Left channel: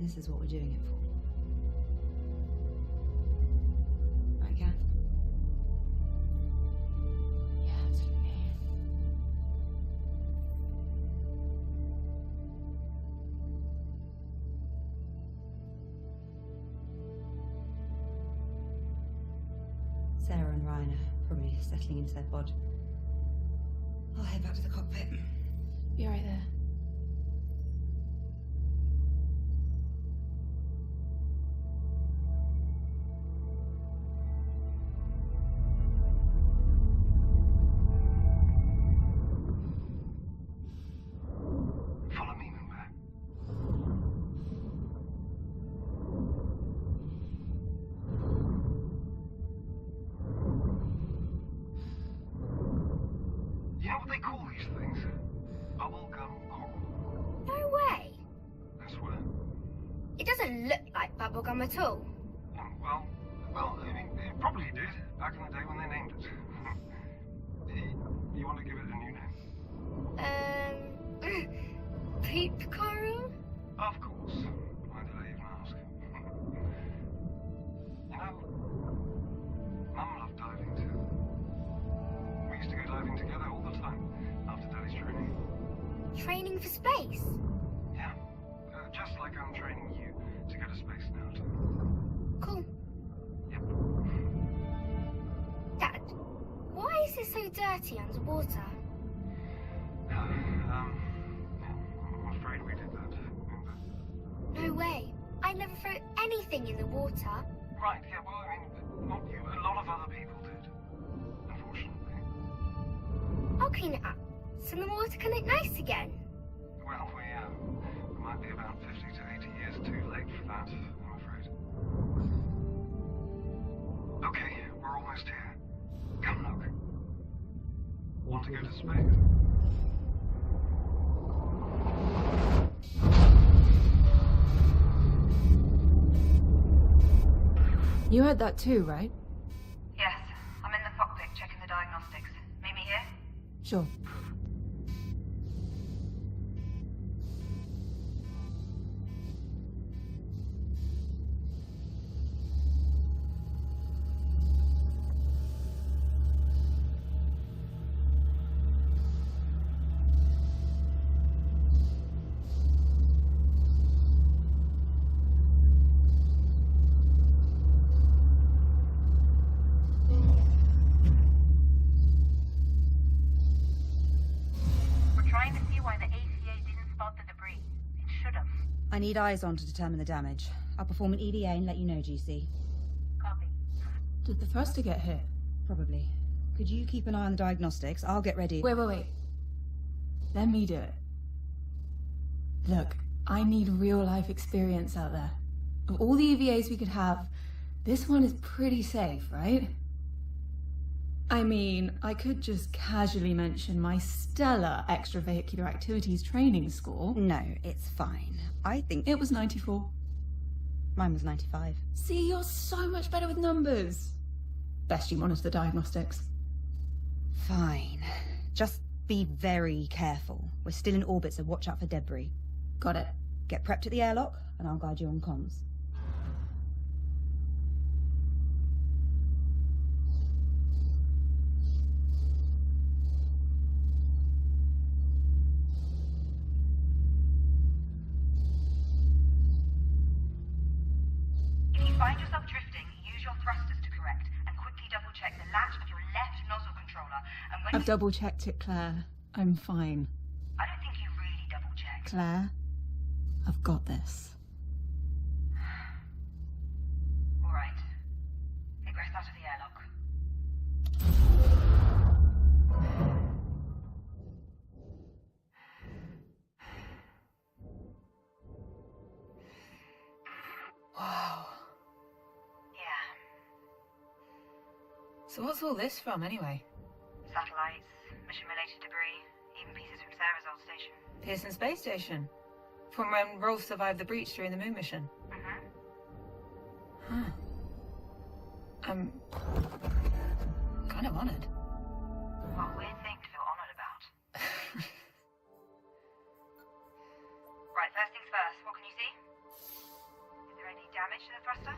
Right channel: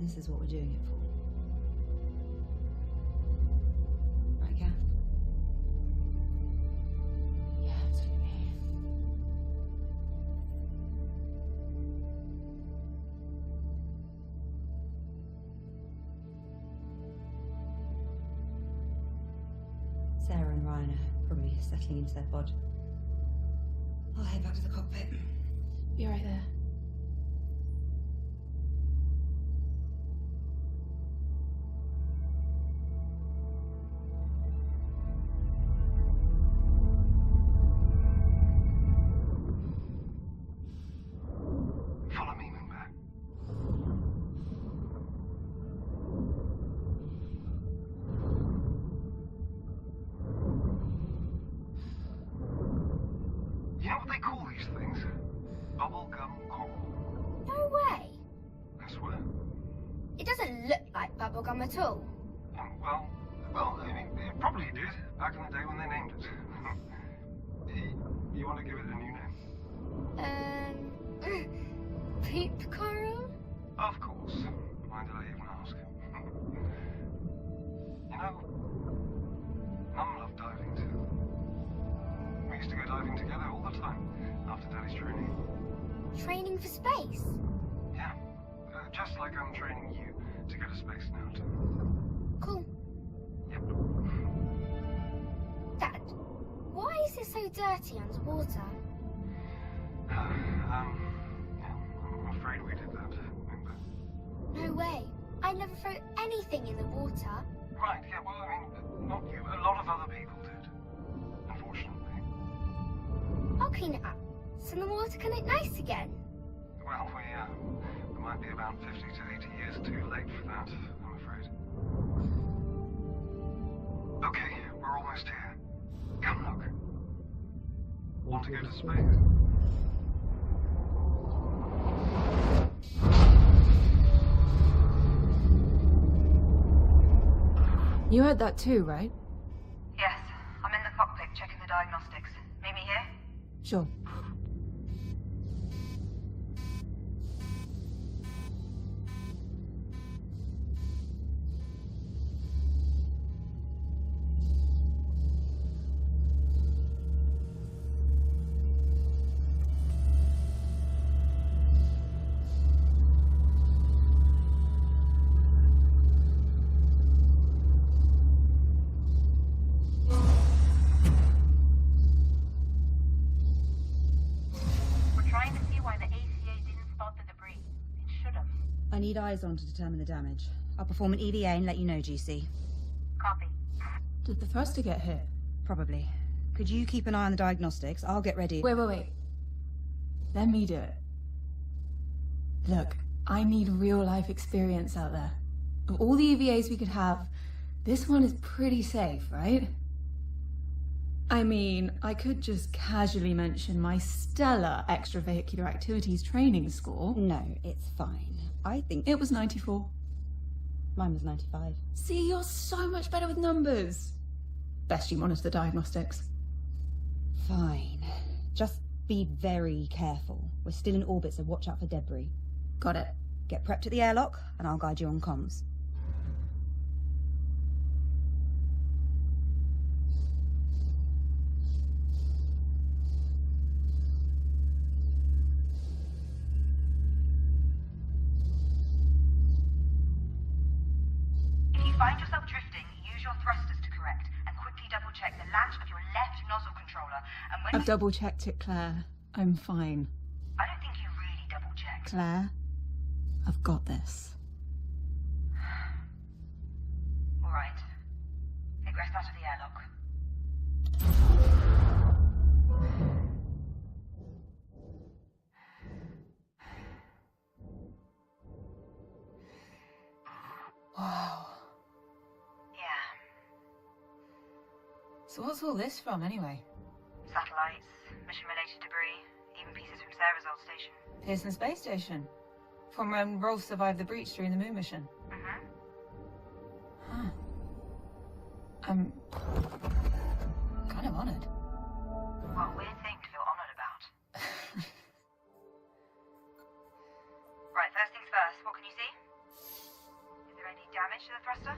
This is what we're doing it for. Right, Kath? Yeah, absolutely. Sarah and Ryan are probably settling into their pod. I'll head back to the cockpit. Be right there. Follow me, Moonbear. You know what they call these things? Bubblegum coral. No way. I swear. It doesn't look like bubblegum at all. Well, I mean, it probably did back in the day when they named it. You want to give it a new name? Peep coral? Of course. Why did I even ask? You know, Mum loved diving too. We used to go diving together all the time after Daddy's training. Training for space? Yeah, just like I'm training you to go to space now too. Cool. Yep. Dad, why is it so dirty underwater? Yeah, I'm afraid we did that. No way. I never threw anything in the water. Right, yeah, well, I mean, not you, a lot of other people did. Unfortunately. I'll clean it up, so the water can look nice again. Well, we might be about 50 to 80 years too late for that, I'm afraid. Okay, we're almost here. Come look. Want to go to space? You heard that too, right? Yes, I'm in the cockpit checking the diagnostics. Meet me here? Sure. I need eyes on to determine the damage. I'll perform an EVA and let you know, GC. Copy. Did the thruster get hit? Probably. Could you keep an eye on the diagnostics? I'll get ready. Wait. Let me do it. Look, I need real-life experience out there. Of all the EVAs we could have, this one is pretty safe, right? I mean, I could just casually mention my stellar extravehicular activities training score. No, it's fine. I think... It was 94. Mine was 95. See, you're so much better with numbers. Best you monitor the diagnostics. Fine. Just be very careful. We're still in orbit, so watch out for debris. Got it. Get prepped at the airlock, and I'll guide you on comms. Find yourself drifting, use your thrusters to correct, and quickly double-check the latch of your left nozzle controller, and when I've double-checked it, Claire. I'm fine. I don't think you really double-checked. Claire, I've got this. All right. Egress out of the airlock. So what's all this from, anyway? Satellites, mission-related debris, even pieces from Sarah's old station. Pearson Space Station. From when Rolf survived the breach during the moon mission. Huh. I'm kind of honoured. What a weird thing to feel honoured about. Right, first things first, what can you see? thruster?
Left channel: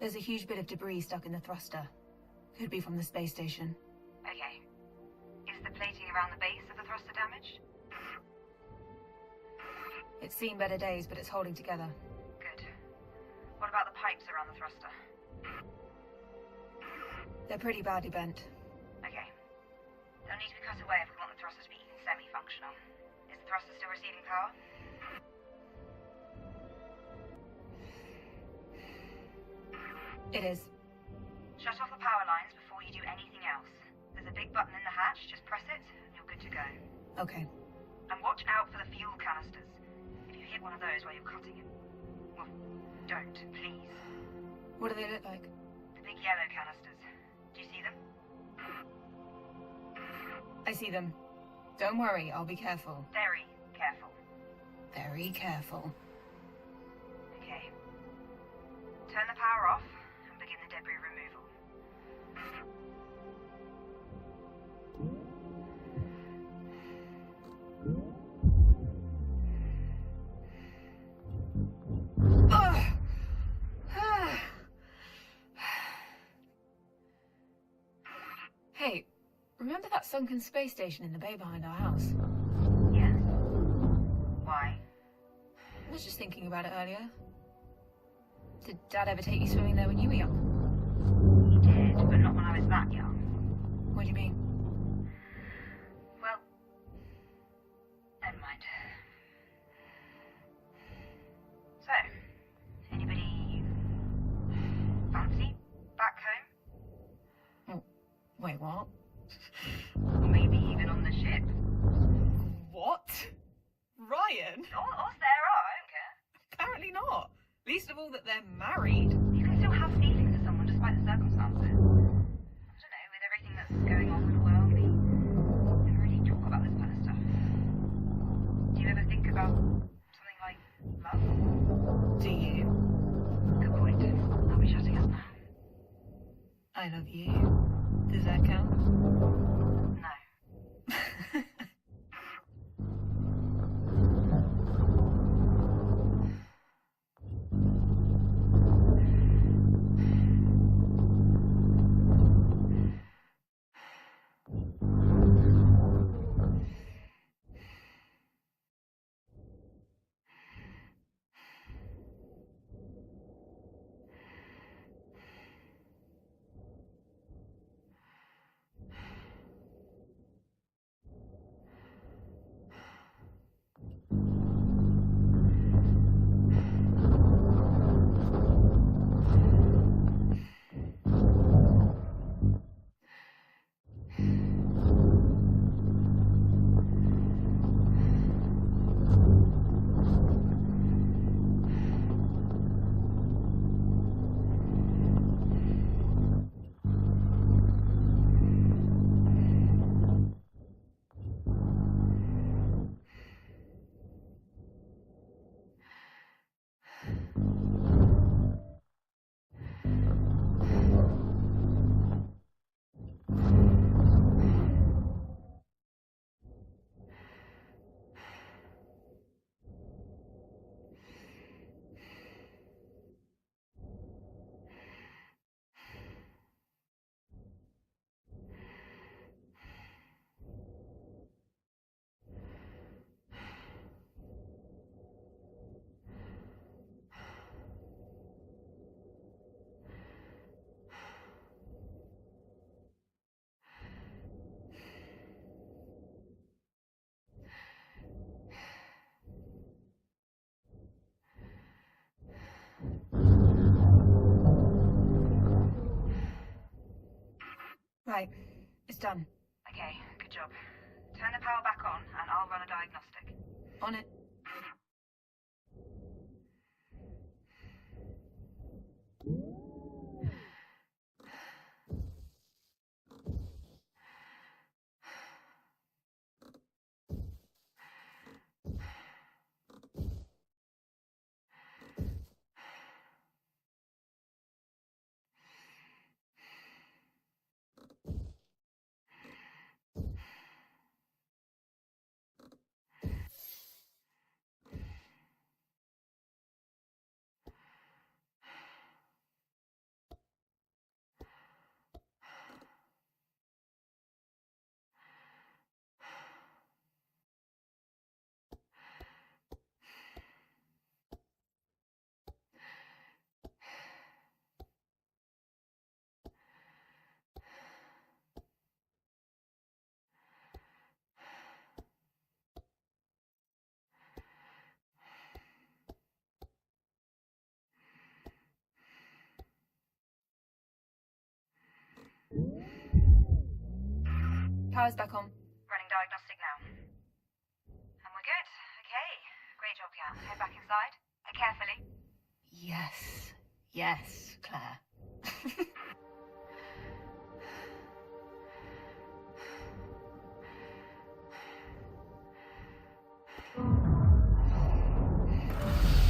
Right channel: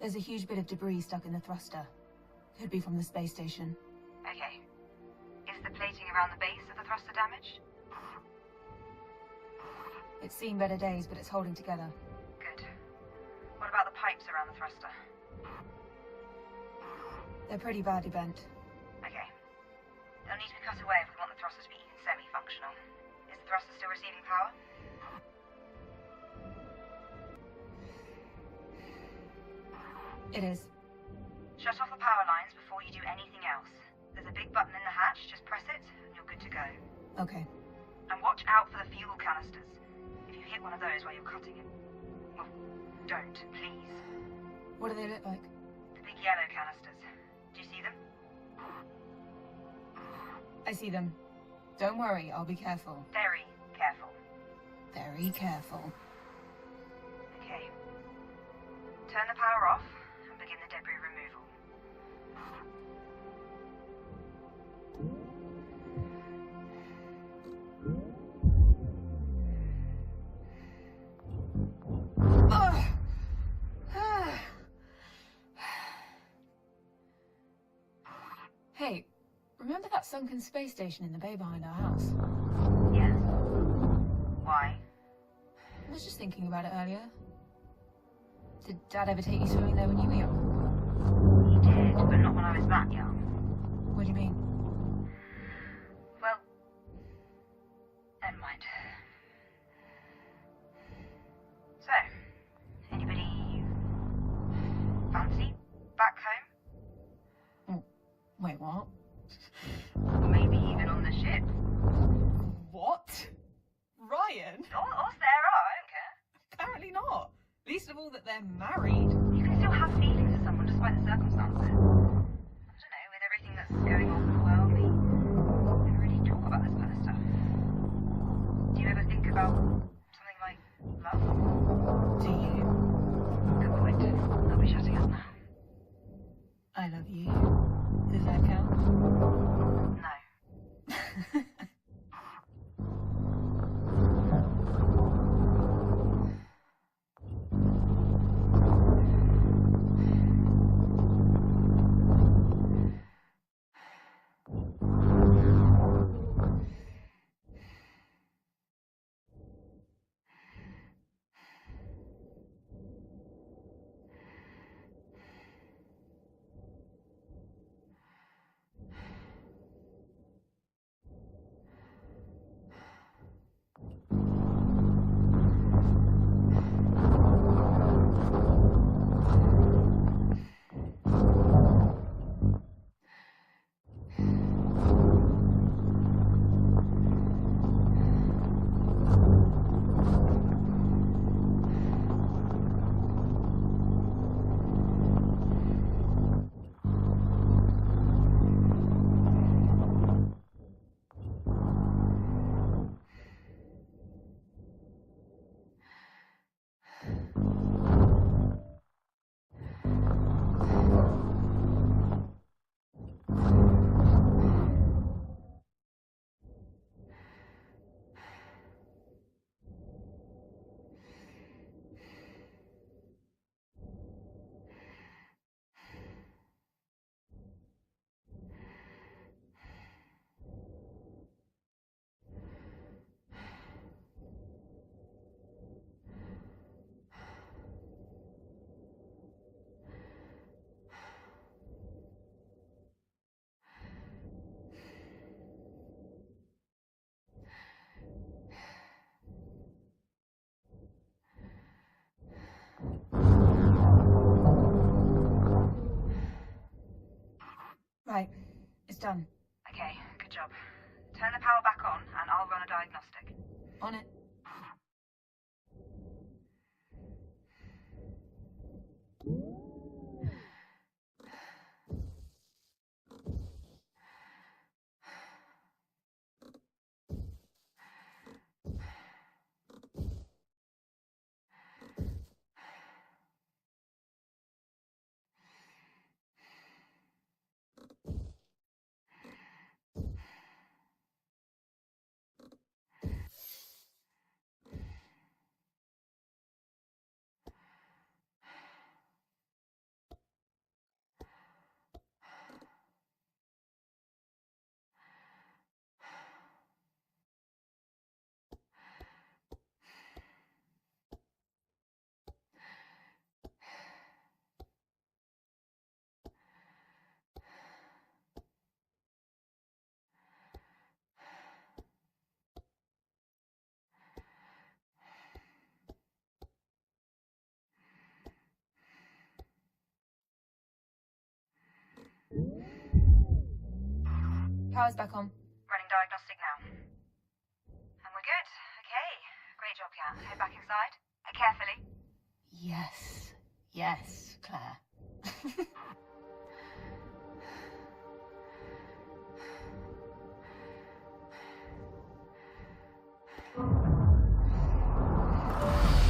There's a huge bit of debris stuck in the thruster. Could be from the space station. Okay. Is the plating around the base of the thruster damaged? It's seen better days, but it's holding together. Good. What about the pipes around the thruster? They're pretty badly bent. Okay. They'll need to be cut away if we want the thruster to be even semi-functional. Is the thruster still receiving power? It is. Shut off the power lines before you do anything else. There's a big button in the hatch, just press it, and you're good to go. Okay. And watch out for the fuel canisters. If you hit one of those while you're cutting it, well, don't, please. What do they look like? The big yellow canisters. Do you see them? I see them. Don't worry, I'll be careful. Very careful. Very careful. Okay. Turn the power off and begin the debris removal. Hey, remember that sunken space station in the bay behind our house? Yeah. Why? I was just thinking about it earlier. Did Dad ever take you swimming there when you were young? He did, but not when I was that young. What do you mean? Well, never mind. So, anybody fancy back home? Wait, what? Or maybe even on the ship? What? Ryan? Or Sarah, I don't care. Apparently not. Least of all that they're married. You can still have feelings for someone despite the circumstances. I don't know, with everything that's going on in the world, we don't really talk about this kind of stuff. Do you ever think about something like love? Do you? Good point. I'll be shutting up now. I love you. Does that count? No. Right. It's done. Okay, good job. Turn the power back on and I'll run a diagnostic. On it. Power's back on. Running diagnostic now. And we're good. Okay. Great job, Kat. Head back inside. Carefully. Yes. Yes, Claire.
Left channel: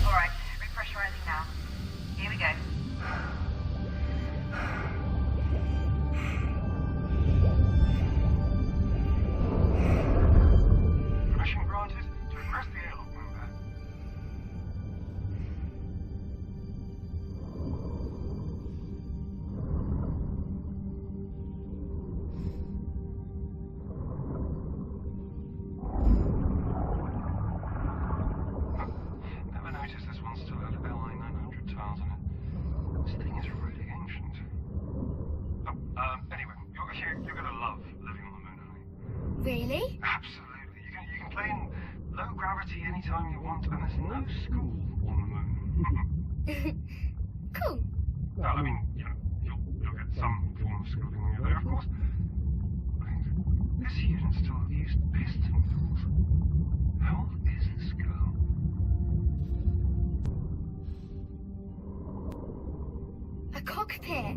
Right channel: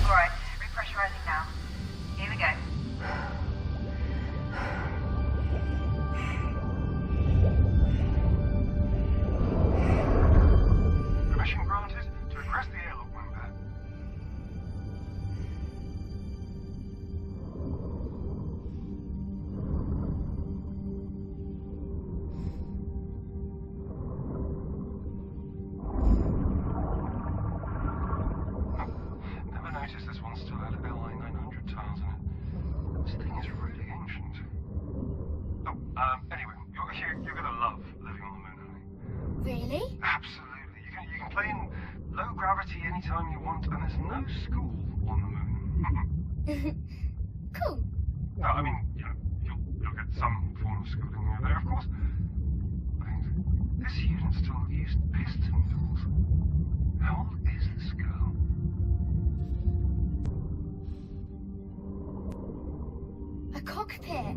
Alright, repressurizing now. Here we go. Permission granted to address the airlock window. Never noticed this one still had LI 900 tiles in it. This thing is really ancient. Oh, anyway, you're gonna love living on the moon, honey. Really? Absolutely. You can play in low gravity anytime you want, and there's no school on the moon. Cool. No, I mean, you'll get some form of schooling when you're there, of course. Wait, this unit still used piston wheels. How old is this girl? A cockpit.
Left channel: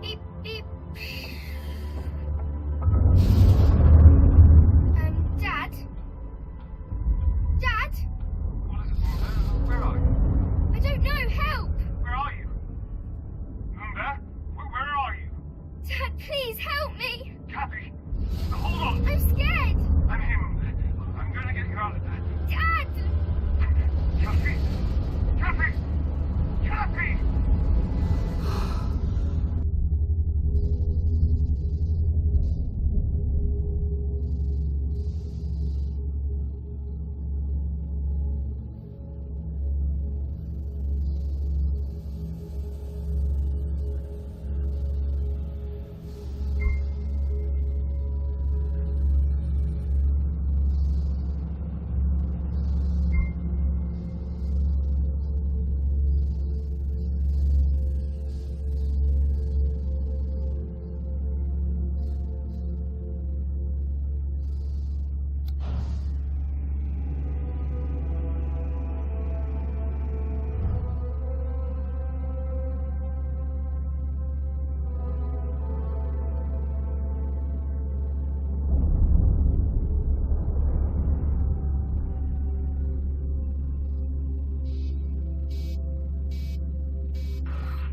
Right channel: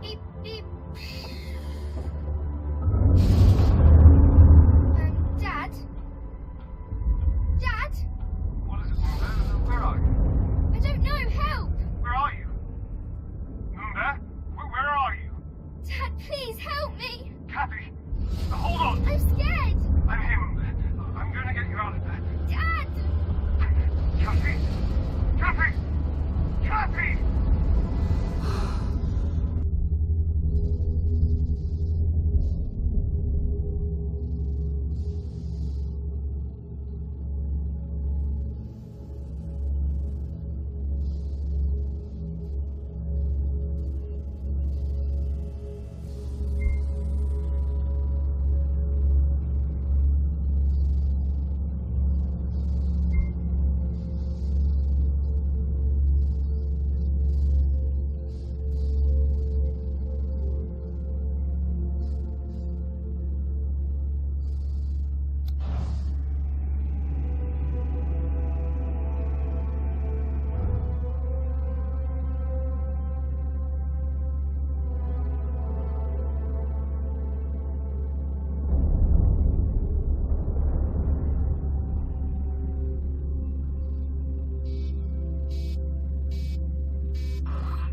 Beep, beep. Dad? Dad? What is it? Where are you? I don't know, help! Where are you? Moonbear? Where are you? Dad, please help me! Cappy? Hold on! I'm scared! I'm him. I'm gonna get you out of there. Dad! Cappy! Cappy! Cappy!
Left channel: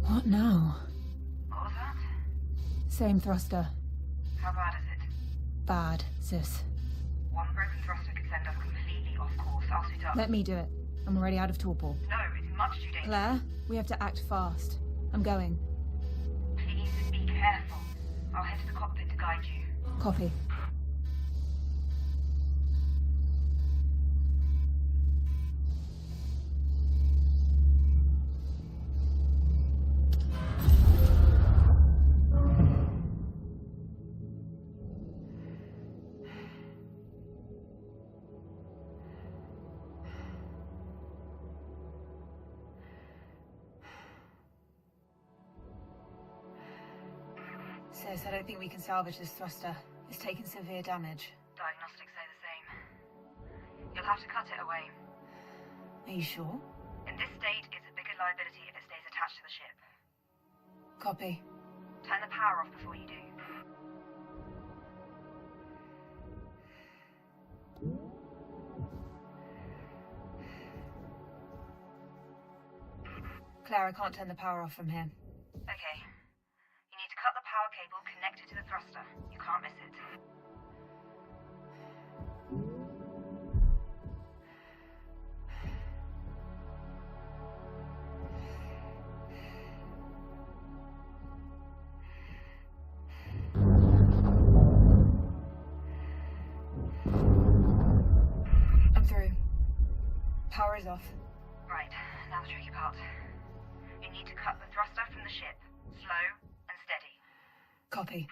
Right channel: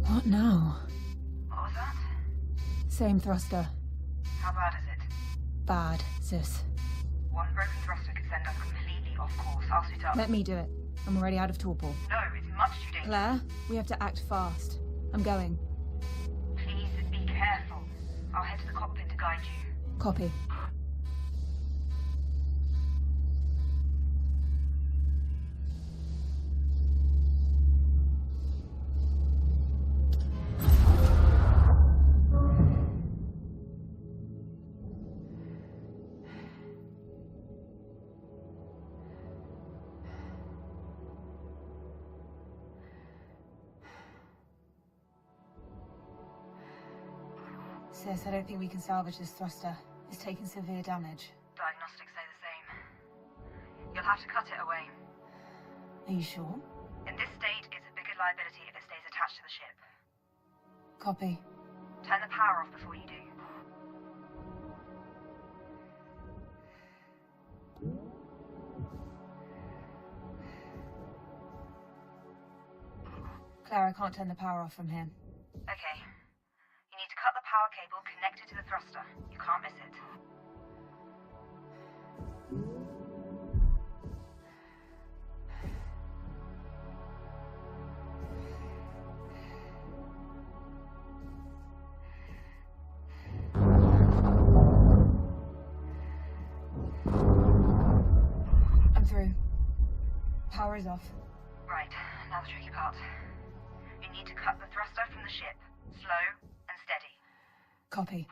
What now? What was that? Same thruster. How bad is it? Bad, sis. One broken thruster could send us completely off course. I'll suit up. Let me do it. I'm already out of torpor. No, it's much too dangerous. Claire, we have to act fast. I'm going. Please be careful. I'll head to the cockpit to guide you. Copy. Sis, I don't think we can salvage this thruster. It's taken severe damage. Diagnostics say the same. You'll have to cut it away. Are you sure? In this state, it's a bigger liability if it stays attached to the ship. Copy. Turn the power off before you do. Claire, I can't turn the power off from here. Okay. You need to cut the power cable connected to the thruster. You can't miss it. Power is off. Right, now the tricky part. You need need to cut the thruster from the ship. Slow and steady. Copy.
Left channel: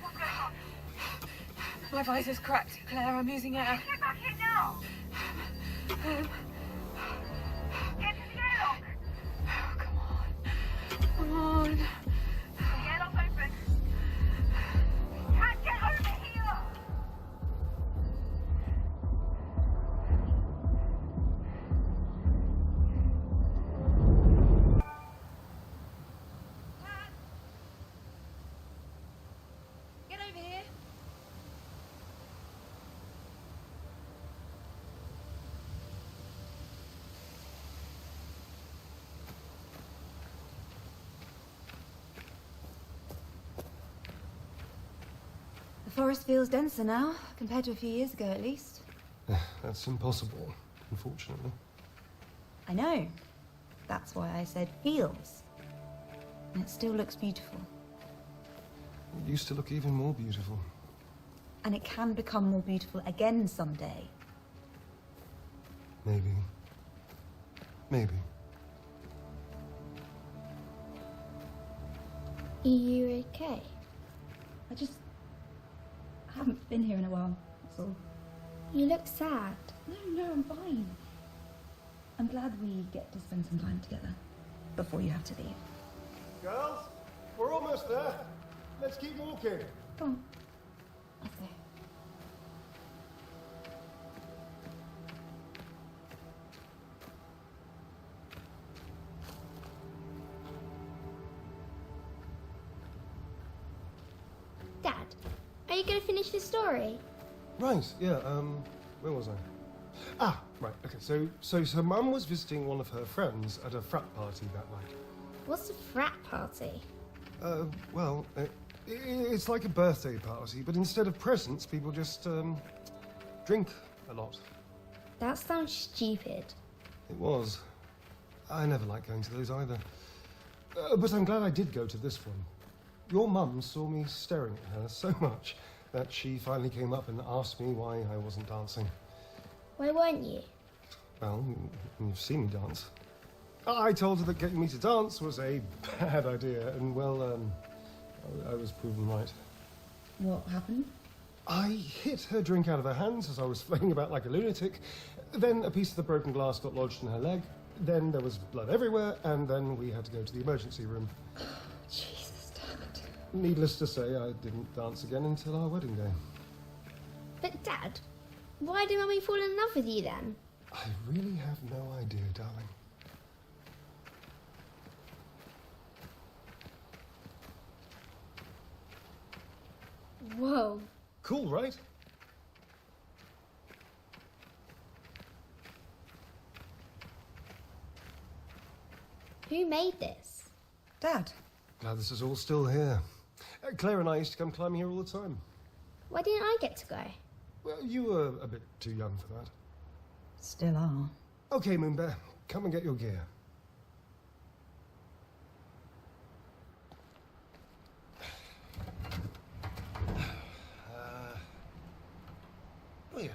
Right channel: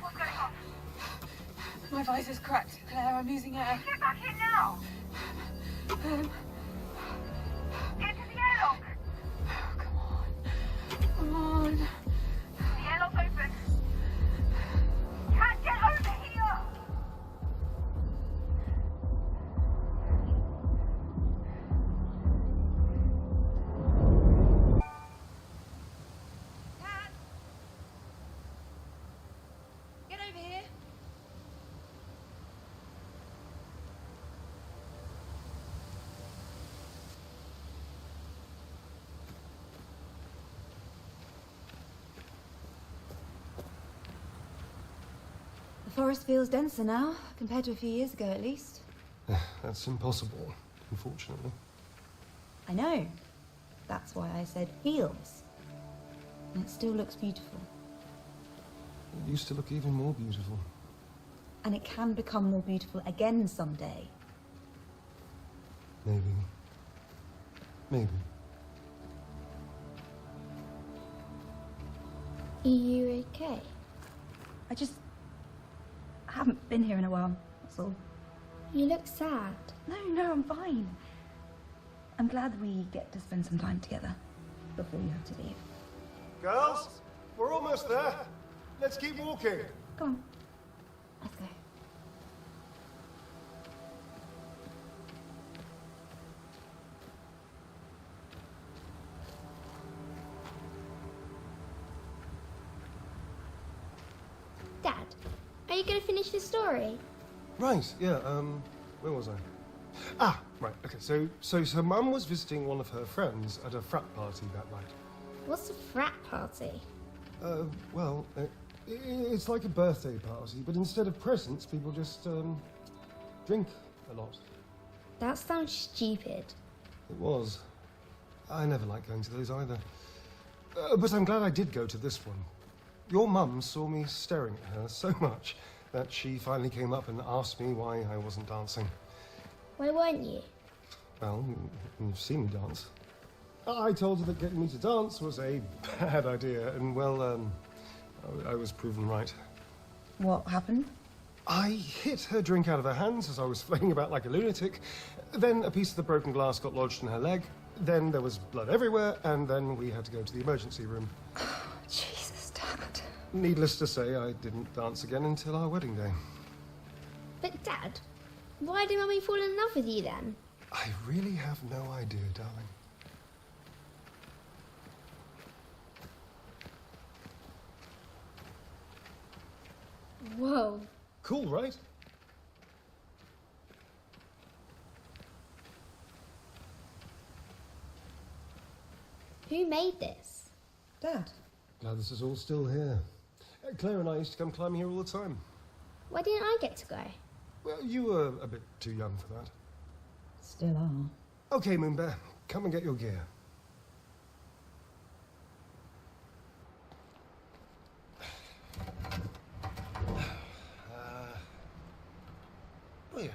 What's going on? My visor's cracked, Claire. I'm using air. Get back in now! Get to the airlock! Come on. The airlock's open. Cat, get over here! Cat! Get over here. The forest feels denser now, compared to a few years ago at least. That's impossible, unfortunately. I know. That's why I said feels. And it still looks beautiful. It used to look even more beautiful. And it can become more beautiful again someday. Maybe. Maybe. Are you okay? I haven't been here in a while, that's all. You look sad. No, I'm fine. I'm glad we get to spend some time together before you have to leave. Girls, we're almost there. Let's keep walking. Come on. Let's go. Dad, are you going to finish the story? Right, yeah, where was I? Ah, right, okay, so Mum was visiting one of her friends at a frat party that night. What's a frat party? Well, it's like a birthday party, but instead of presents, people just, drink a lot. That sounds stupid. It was. I never liked going to those either. But I'm glad I did go to this one. Your mum saw me staring at her so much that she finally came up and asked me why I wasn't dancing. Why weren't you? Well, you've seen me dance. I told her that getting me to dance was a bad idea, and well, I was proven right. What happened? I hit her drink out of her hands as I was flailing about like a lunatic. Then a piece of the broken glass got lodged in her leg. Then there was blood everywhere, and then we had to go to the emergency room. Jesus, Dad. Needless to say, I didn't dance again until our wedding day. But Dad, why did Mummy fall in love with you then? I really have no idea, darling. Whoa. Cool, right? Who made this? Dad. Glad this is all still here. Claire and I used to come climbing here all the time. Why didn't I get to go? Well, you were a bit too young for that. Still are. Okay, Moonbear, come and get your gear. Oh yeah.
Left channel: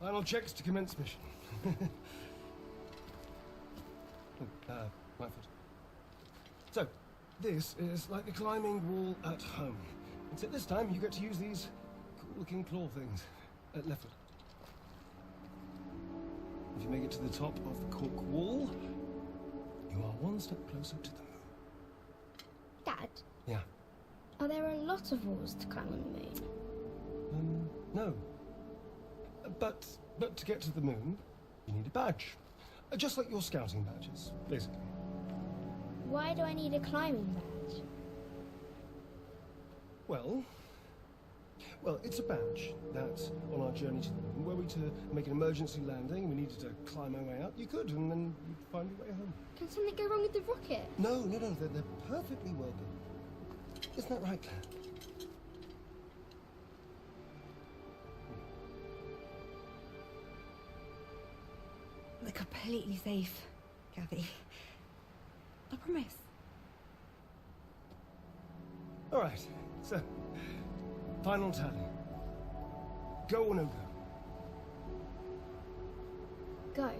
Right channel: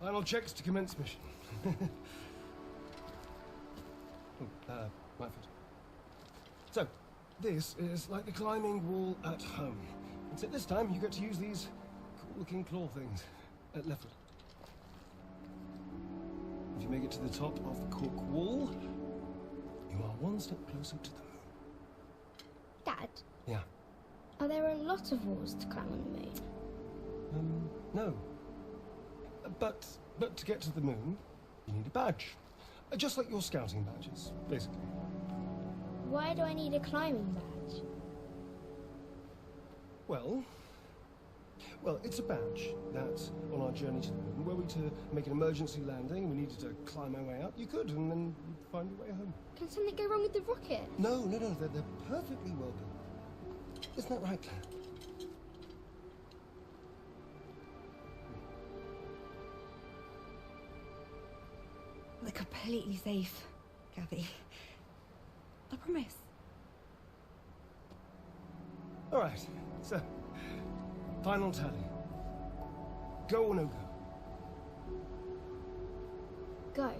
Final checks to commence mission. Right foot. So, this is like the climbing wall at home. Except this time you get to use these cool-looking claw things. Left foot. If you make it to the top of the cork wall, you are one step closer to the moon. Dad, Yeah. are there a lot of walls to climb on the moon? No. But to get to the moon, you need a badge. Just like your scouting badges, basically. Why do I need a climbing badge? Well, it's a badge that, on our journey to the moon, were we to make an emergency landing and we needed to climb our way out, you could, and then you'd find your way home. Can something go wrong with the rocket? No, they're perfectly well built. Isn't that right, Claire? They're completely safe, Gabby. I promise. All right, so, final tally. Go or no go? Go.